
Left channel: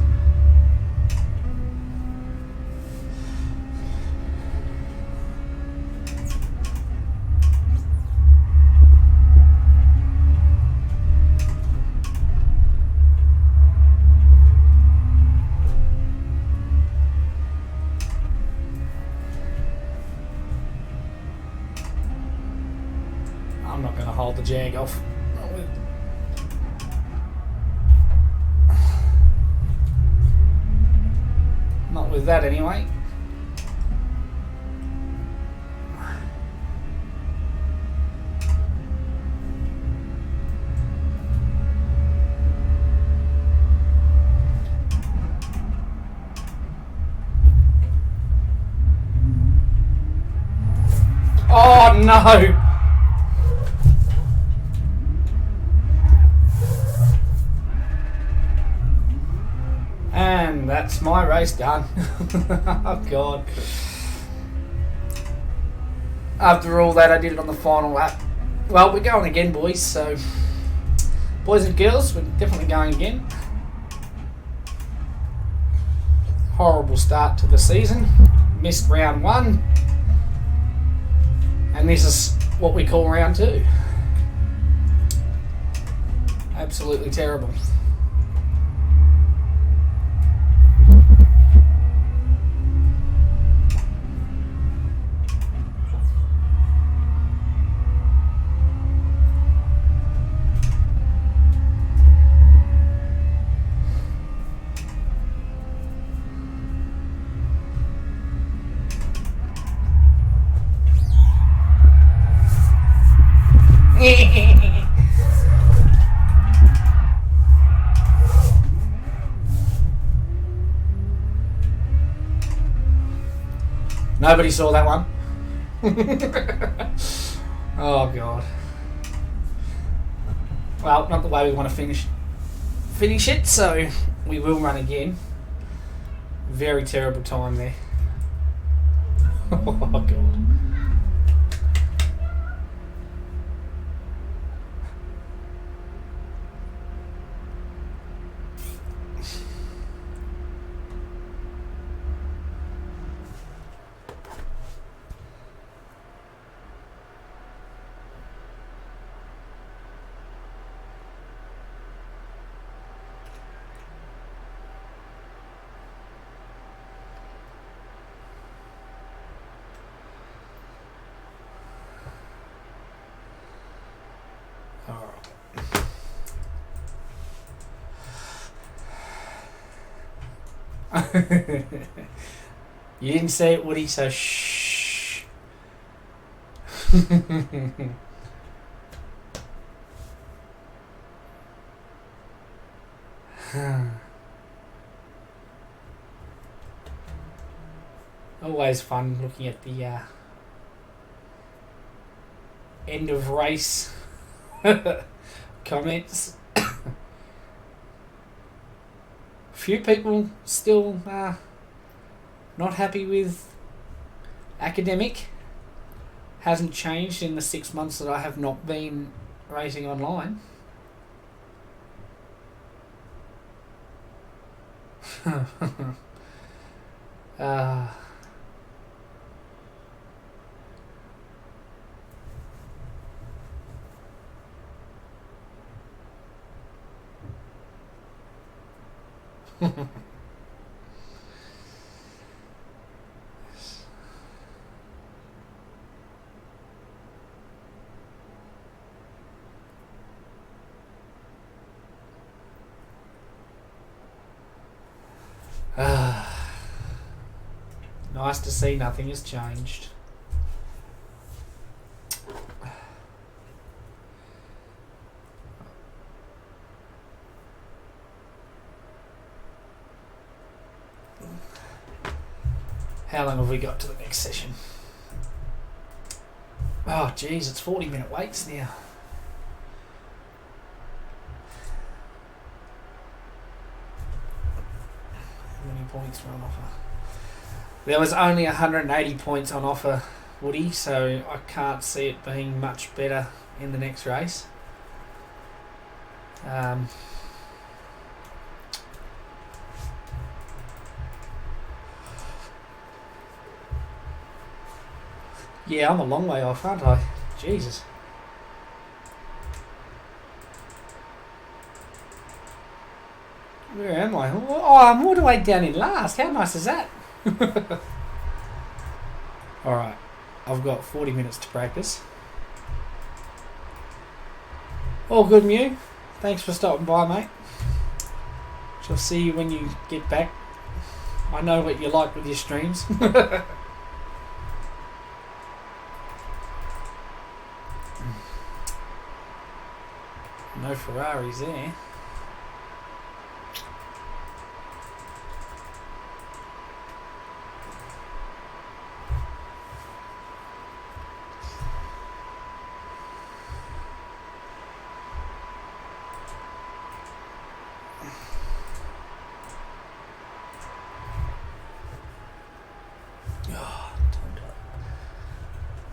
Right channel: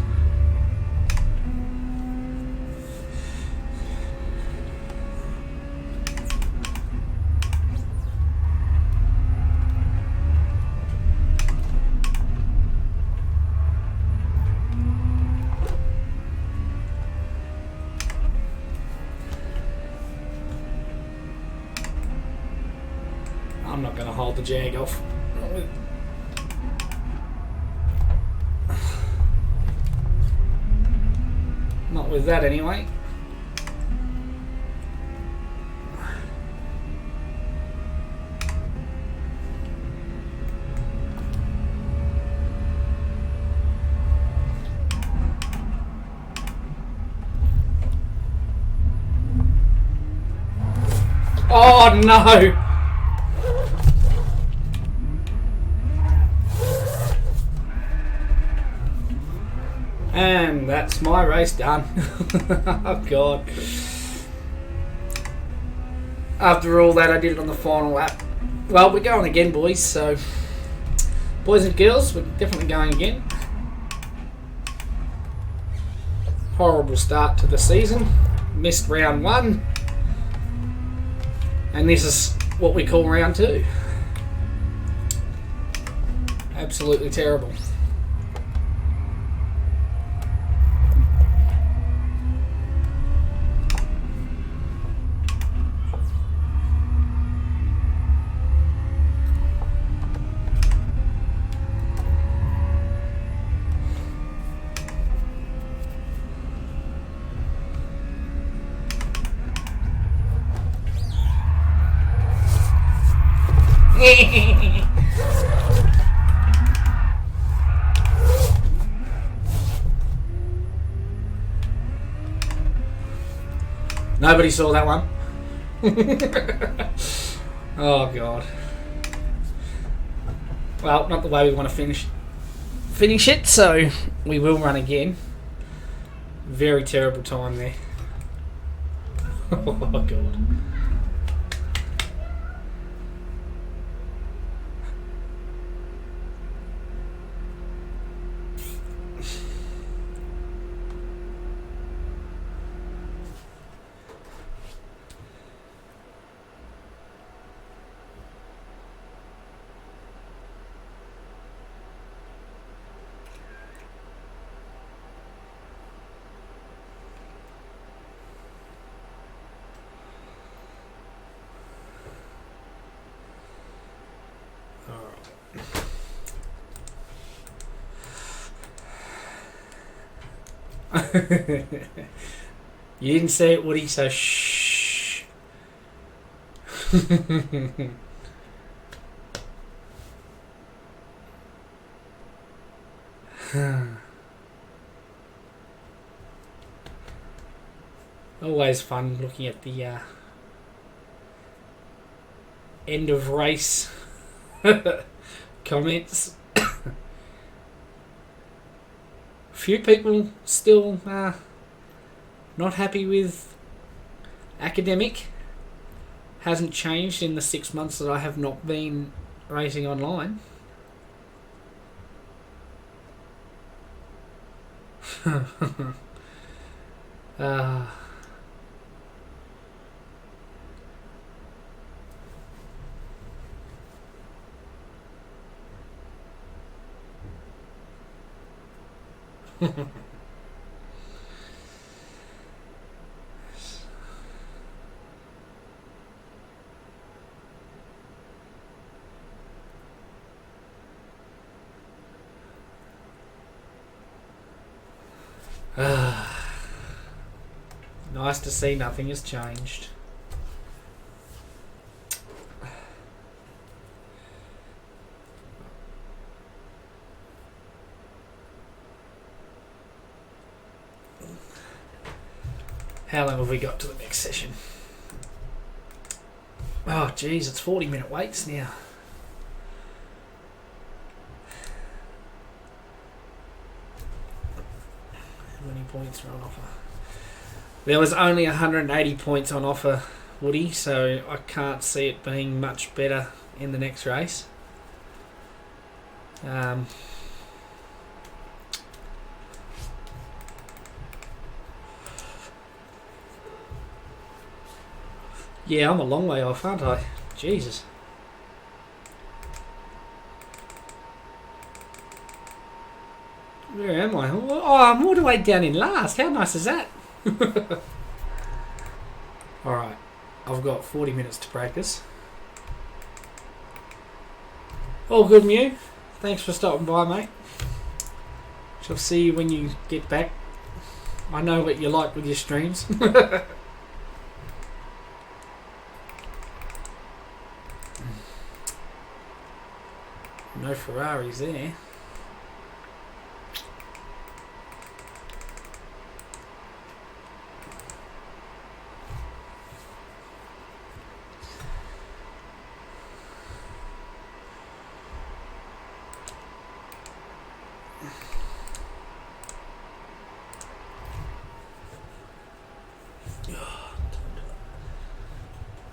I'm not going to hold the Jag off. Not with that anyway. Oh no! And that's my race done. Oh God. After all that, I did it on the final lap. Well, we're going again, boys, so boys and girls, we're definitely going again. Horrible start to the season. Missed round 1. And this is what we call round 2. Absolutely terrible. Nobody saw that one. Oh god. Well, not the way we want to finish it, so we will run again. Very terrible time there. Oh god. You didn't say it, Woody, so shh. Always fun looking at the end of race comments. Few people still not happy with academic. Hasn't changed in the 6 months that I have not been racing online. Nice to see nothing has changed. How long have we got to the next session? Oh geez, it's 40-minute waits now. How many points are on offer? There was only 180 points on offer, Woody, so I can't see it being much better in the next race. Yeah, I'm a long way off, aren't I? Jesus. Where am I? Oh, I'm all the way down in last. How nice is that? Alright, I've got 40 minutes to practice. All good, Mew. Thanks for stopping by, mate. Shall see you when you get back. I know what you like with your streams. No Ferraris there.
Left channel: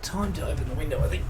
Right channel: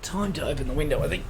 Time to open the window, I think.